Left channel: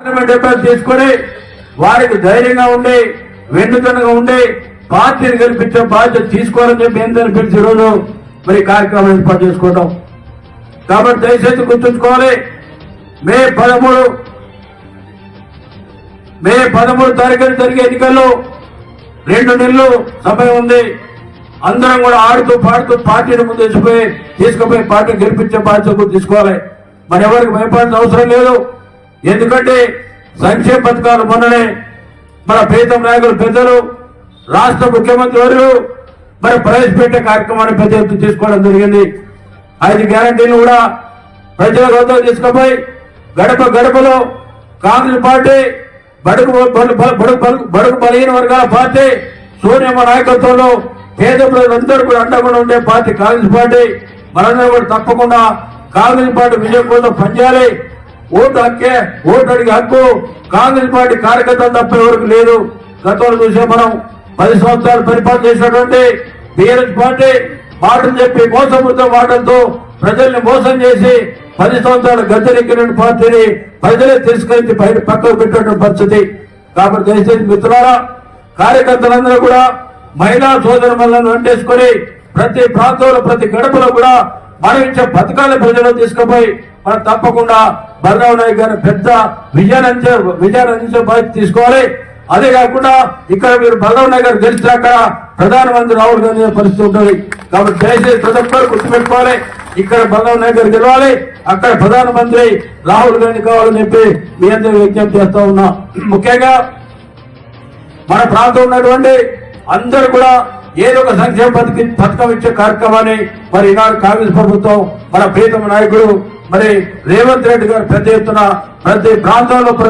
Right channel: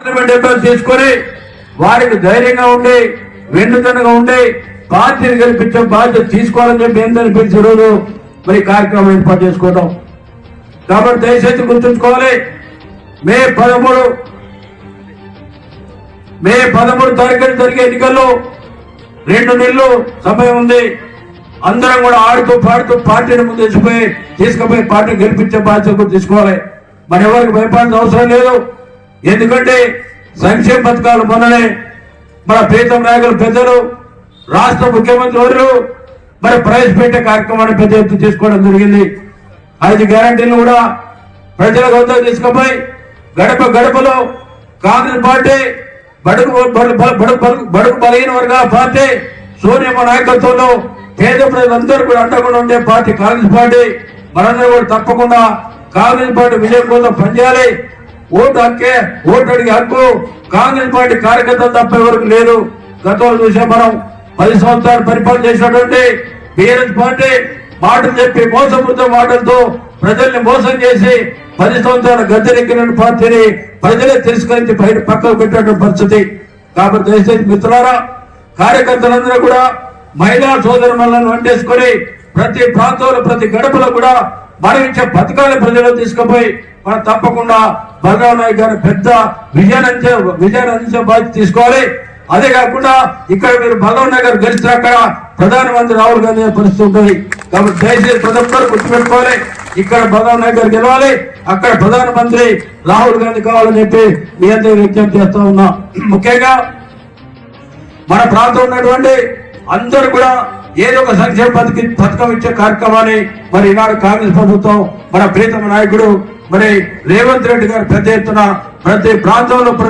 Parliament ఎంపీలు తీసుకొని వారికి ధైర్యంగా ఉండి వెన్నుదనగా ఉండి పార్టీని గెలిపించే బాధ్యత తీసుకోవాలని చెప్పి ఏందని పిలిచి రోజు మరి కార్యక్రమం ఏర్పాటు చేసుకోవడం కాబట్టి దయచేసి గుర్తుంచుకోవాలి మే పదమూడు మే పదమూడు తారీఖున జరిగే ఎన్నికల్లో రెండు నెలలు సమయం ఉంది. అందరం కూడా ఆడుతూ పాడుతూ పార్టీని ముందు తీసుకుపోయి తీసుకుపోయి పార్టీని గెలిపించే బాధ్యత తీసుకోవాలి. మరి ఎవరికి భయపడాల్సిన అవసరం లేదు. ఎందుకంటే సంక్షేమ పథకాలు మొన్ననే మన ప్రీతం నాయకులు పెద్దలు రాష్ట్ర ముఖ్యమంత్రి వర్యులు మరి ప్రవేశపెట్టే కార్యక్రమాన్ని పెద్ద ఎత్తున తీసుకోవడం జరిగింది. ఐదు గ్యారంటీలు కూడా ప్రజల వద్దకు తీసుకుపోయి గడప గడపలో కాంగ్రెస్ పార్టీ బడుగు బడుగు బడుగు బలహీన వర్గాల పార్టీ సోనియమ్మ నాయకత్వంలో పేద ప్రజలందరూ కూడా అండగా ఉండే పార్టీ కాంగ్రెస్ పార్టీ. మనందరూ కూడా తప్పకుండా కాంగ్రెస్ పార్టీ విజయం కోసం పనిచేయాలి. ఓటు హక్కే ఓటు అడిగే హక్కు కాంగ్రెస్ పార్టీ కార్యకర్తలు తప్ప ఎవరికి లేదు. గతంలో చూసే మనం పది సంవత్సరాలు పరిపాలన చేసినటువంటి బీఆర్ఎస్ పార్టీ మాటలు చెప్పి మోసపూరిత మాటలతో ప్రజల్ని మోసం చేసి పది సంవత్సరాల గద్దెనెక్కిన పార్టీని ప్రజలే తిరస్కరించి బయట పక్కకు పెట్టినటువంటి పరిస్థితి. కాబట్టి దయచేసి మిత్రులారా కార్యకర్తలందరూ కూడా మహిళా సోదరులను అంటేసుకొని ప్రతి ప్రాంతంలో ప్రతి గడపలో కూడా మనం ఇచ్చే పథకాలను ప్రజలు తీసుకుపోయి మనం తప్పకుండా భగవన్ నాయక్ గారి పెద్ద విజయాన్ని విజయాన్ని అందించే బాధ్యత తీసుకోవాలి. అదే కాకుండా ఇక్కడ మీరు బలరాం నగర్ గెలిస్తే అక్కడ ప్రధానమంత్రి రాహుల్ గాంధీ అనే పరిస్థితి ఉంటుంది. కాబట్టి దయచేసి ప్రతి ఒక్కరు గుర్తుపెట్టుకోవాలి. ఇక్కడ బలరాం నగర్ గెలవాలి. అక్కడ ప్రధానమంత్రి రాహుల్ గాంధీ కావాలని చెప్పి మీ అందరూ విజ్ఞప్తి చేస్తా ఉన్నా. ముఖ్యంగా మన ప్రాంతం ఉన్నటువంటి అందరు కూడా ఏదో ఒక సంక్షేమ పథకం పథకం ఇచ్చే కార్యక్రమాన్ని మరి ఈనాడు కాంగ్రెస్ ప్రభుత్వం మన ప్రీతమ నాయకుడు మరి రేవంత్ రెడ్డి గారు పెద్ద ఎత్తున ప్రతి ప్రాంతంలో ప్రతి